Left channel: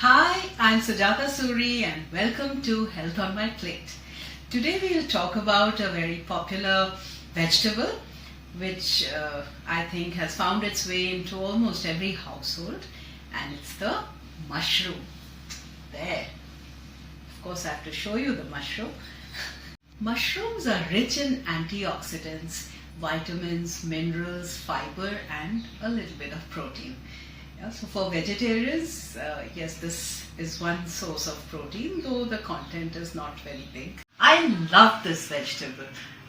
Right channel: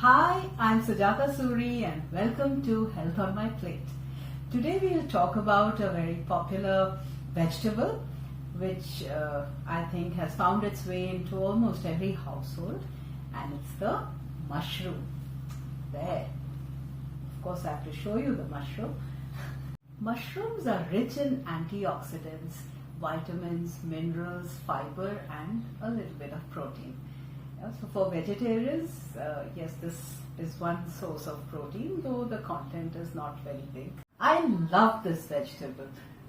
Hi, I'm Sujata Suri and welcome to Health on My Plate. Today we'll talk about a very popular vegetable which I think has found its way into almost every household, and it's the mushroom. There. Of course, I have to show you the mushroom. Mushrooms are rich in antioxidants, vitamins, minerals, fiber, and a little bit of protein. So for vegetarians, yes, this is one source of protein, though the content is not very big. I love this vegetable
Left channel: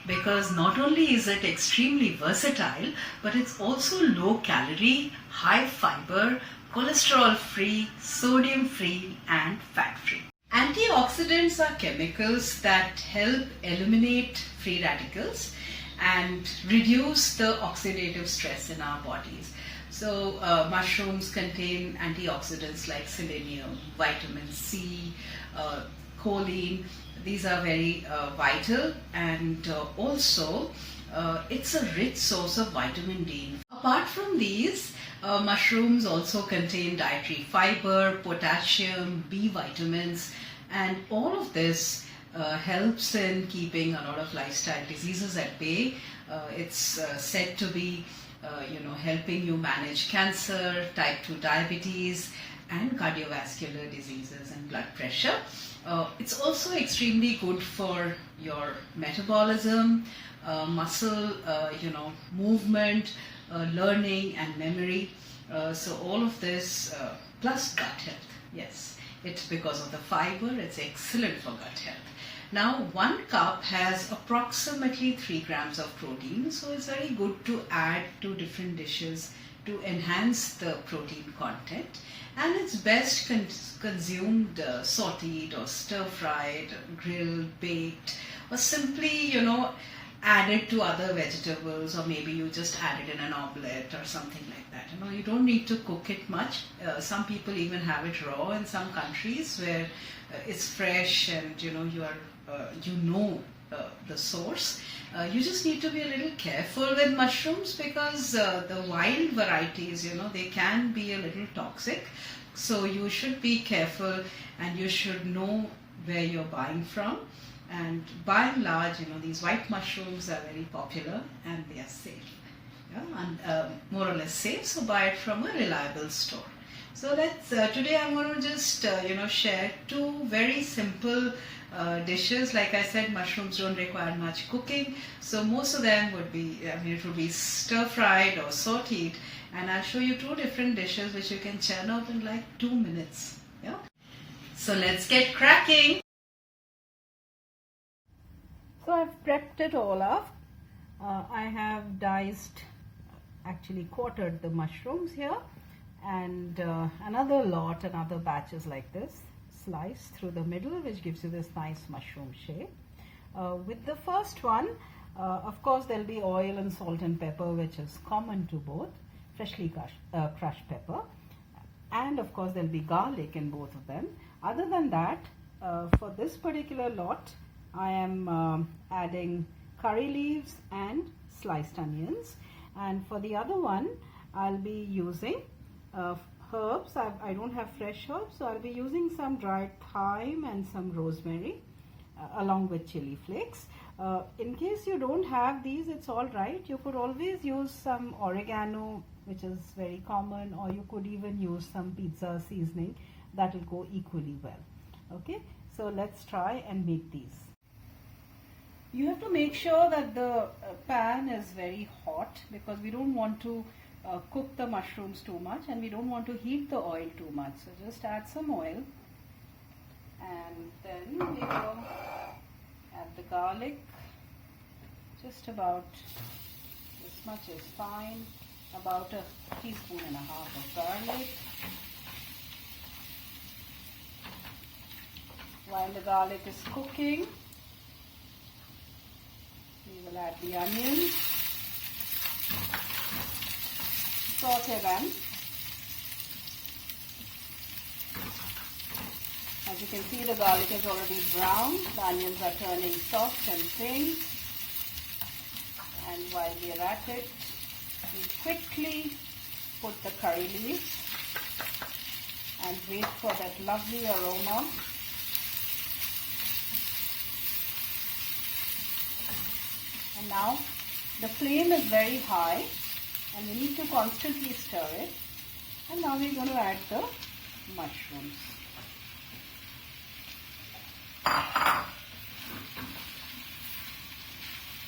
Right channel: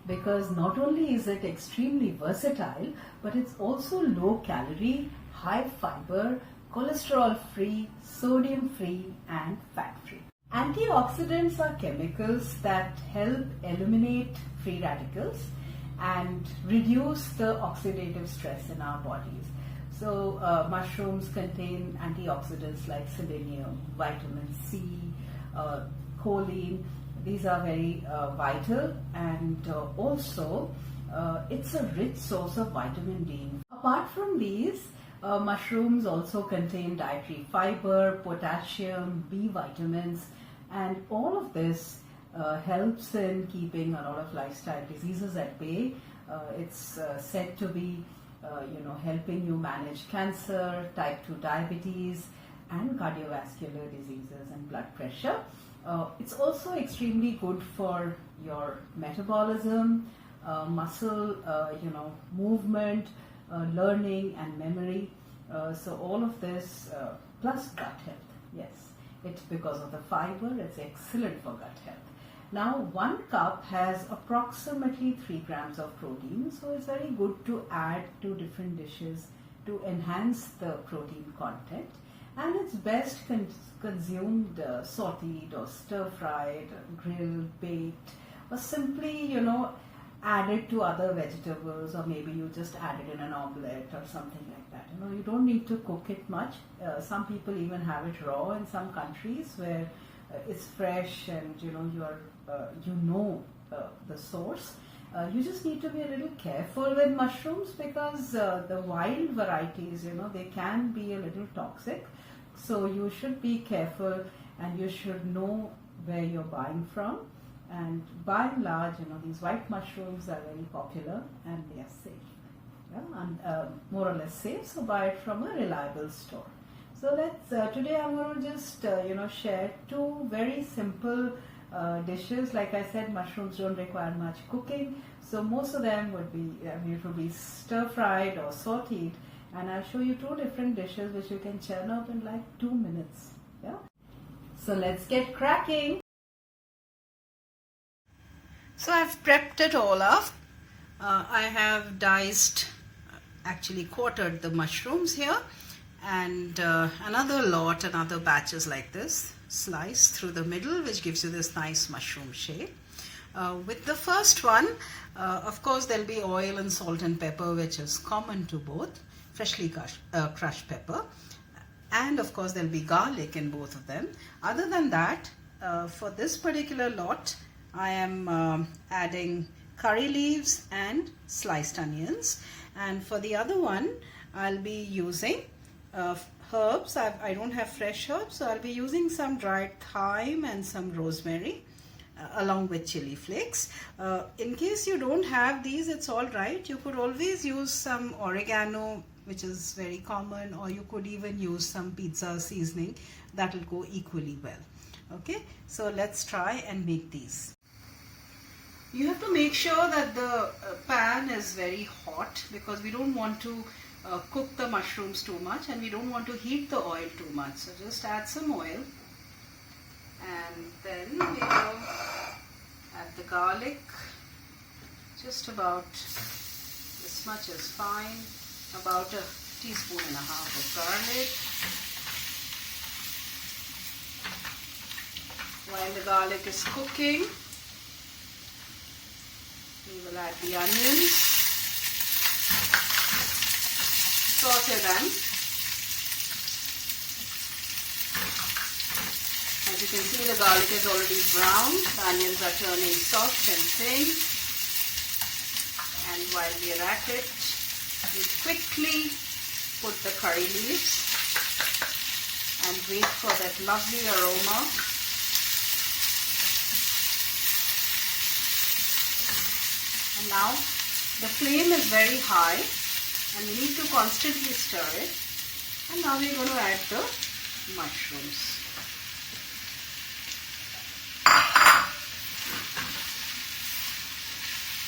because not only is it extremely versatile, but it's also low calorie, high fiber, cholesterol free, sodium free, and fat free. Antioxidants are chemicals that help eliminate free radicals and reduce the oxidative stress in our bodies. So mushrooms contain antioxidants like selenium, vitamin C, choline. These are very vital, and also it's a rich source of vitamin D. Apart from these, mushrooms also contain dietary fiber, potassium, B vitamins, and all of this helps in keeping a lot of lifestyle diseases at bay. It's said to be helping you manage cancer, type 2 diabetes, and cardiovascular diseases and blood pressure. It's also extremely good for your metabolism, muscle, movement, learning and memory. So all of this plus gut health. Yes, it's because of the fiber. It's excellent for gut health. Now, 1 cup has approximately 3 grams of protein, so it's very good to add to different dishes to enhance the protein content. And it's best consumed sauteed or stir-fried, grilled, baked, or simply, added to other vegetables, or maybe you just add it in an omelette or something like that. You don't need to cook it much. Some people even have it raw in some countries where it's fresh and you are the source. You just need to be a little careful with mushrooms because the wild varieties, they can be a little toxic. So you should be careful and you should know where you're buying from. And by and large, these white mushrooms are very popular and they are safe. And more or less safe, so buy it from a reliable store. So today I'm going to just share 2 very simple dishes. Like I said, mushrooms don't require much cooking, so most of them would be, it would be stir fried or sauteed, and I'll show you 2 different dishes which you can churn out in like 2 minutes. Yeah. So let's get cracking. So I've prepped it all up. I have actually quartered the mushrooms here, and another batches like this, sliced through the middle, which gives you this nice mushroom shape. With the first one, of course there'll be oil and salt and pepper, which is common to both, freshly crushed pepper, and of course there'll be garlic in both of them. Other than that, for this particular lot, I am adding curry leaves and sliced onions, and for the other one I'll be using herbs. I don't have fresh herbs, so I'll be using some dried thyme and some rosemary along with chili flakes. In case you don't have these, it's all right. You could always use some oregano, which is very common, or you could even use some pizza seasoning. That will go equally well. Okay, so let's try and make these. You have to make sure that the pan is very hot because we don't want to cook the mushrooms too much, and we don't want to heat the oil too much. So just add some oil, and then we will add the garlic. Just about this much is fine. About 1.5 teaspoons of garlic. While the garlic is cooking, we will add the onions, saute them. As you can see, the garlic is already brown, the onions are turning soft and thin, and while we are at it, we quickly put the curry leaves and wait for that lovely aroma. And now the flame is very high and we need to constantly stir it. And now we're going to add the mushrooms.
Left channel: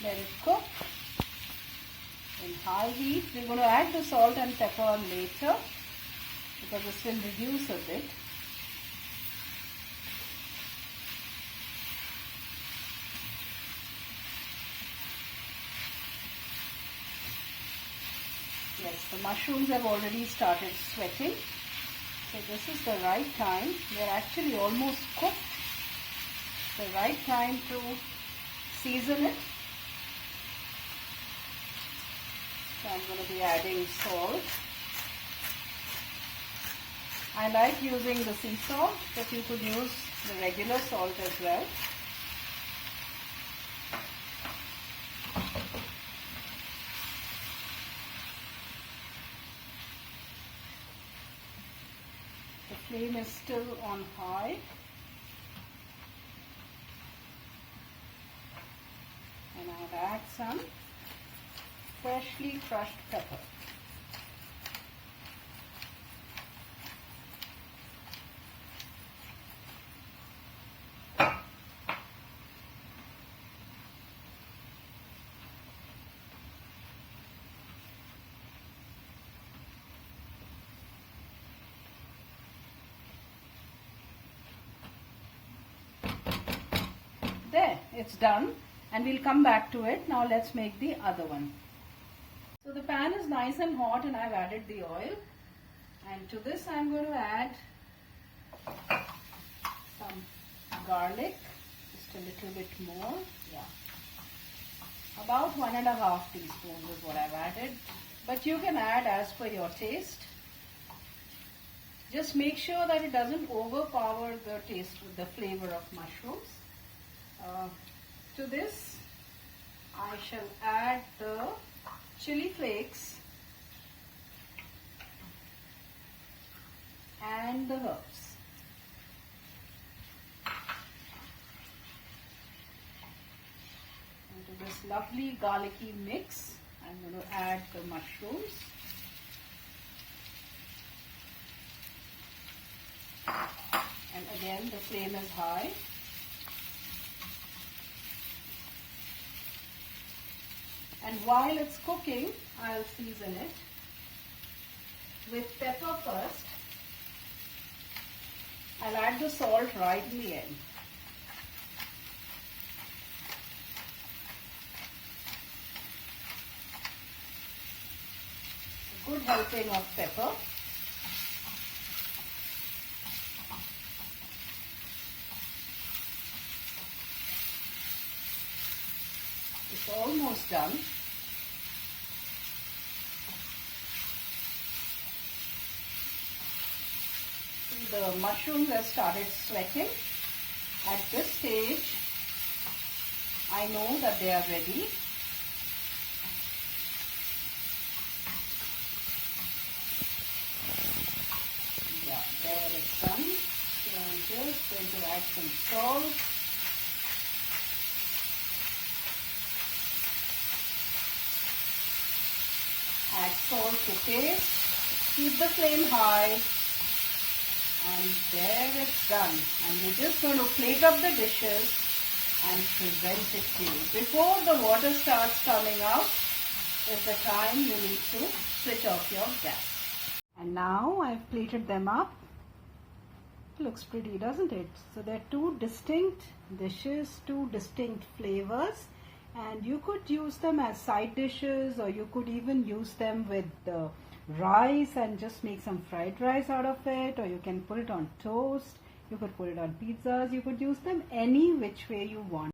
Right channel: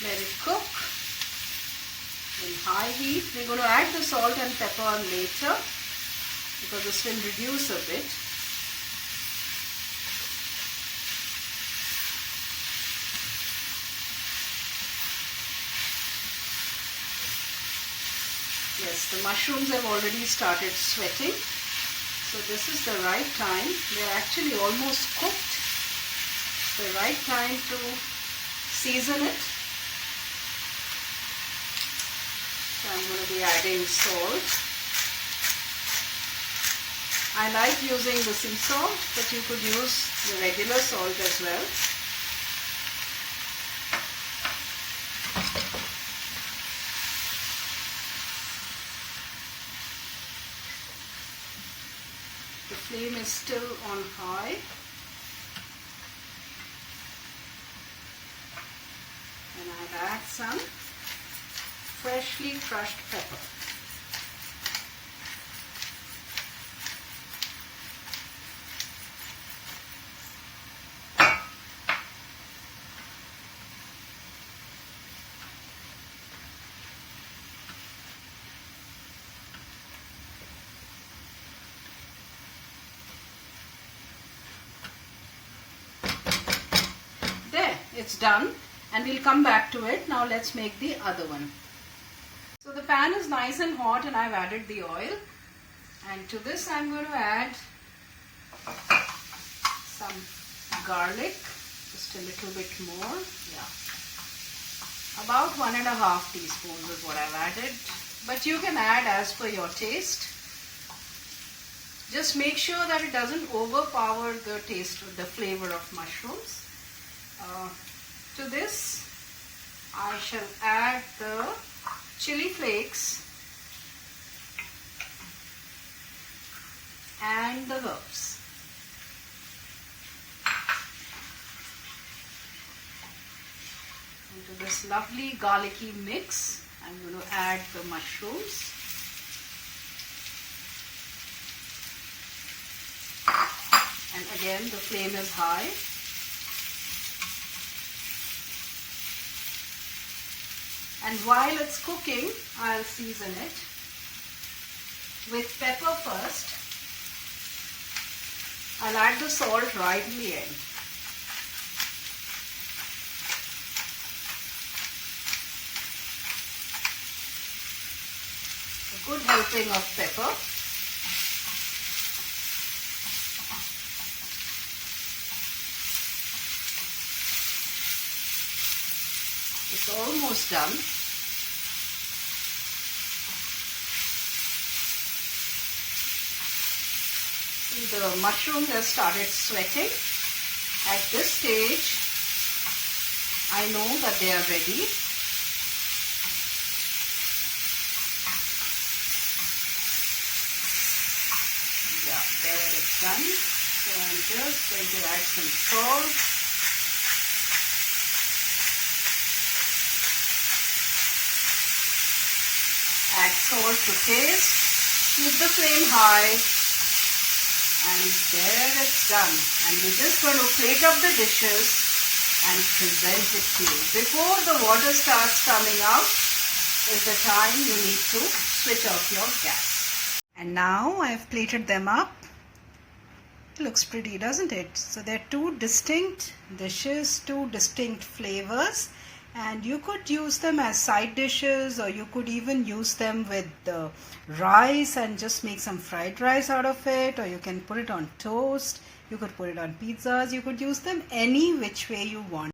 Let it cook in high heat. We're going to add the salt and pepper later because this will reduce a bit. Yes, the mushrooms have already started sweating. So this is the right time. They're actually almost cooked. The right time to season it. So I'm going to be adding salt. I like using the sea salt, but you could use the regular salt as well. The flame is still on high. And I'll add some freshly crushed pepper. There, it's done, and we'll come back to it. Now let's make the other one. So the pan is nice and hot and I've added the oil, and to this I'm going to add some garlic, just a little bit more, about 1.5 teaspoons is what I've added, but you can add as per your taste. Just make sure that it doesn't overpower the taste, the flavor of mushrooms. To this I shall add the chili flakes and the herbs. Into this lovely garlicky mix, I'm going to add the mushrooms. And again, the flame is high. And while it's cooking, I'll season it with pepper first. I'll add the salt right in the end. A good helping of pepper. It's almost done. See, the mushrooms have started sweating. At this stage, I know that they are ready. Yeah, there it's done. So I'm just going to add some salt. Add salt to taste, keep the flame high, and there it's done. And we're just going to plate up the dishes and present it to you. Before the water starts coming out is the time you need to switch off your gas. And now I've plated them up. It looks pretty, doesn't it? So they're two distinct dishes, two distinct flavors. And you could use them as side dishes, or you could even use them with the rice and just make some fried rice out of it, or you can put it on toast, you could put it on pizzas, you could use them any which way you want.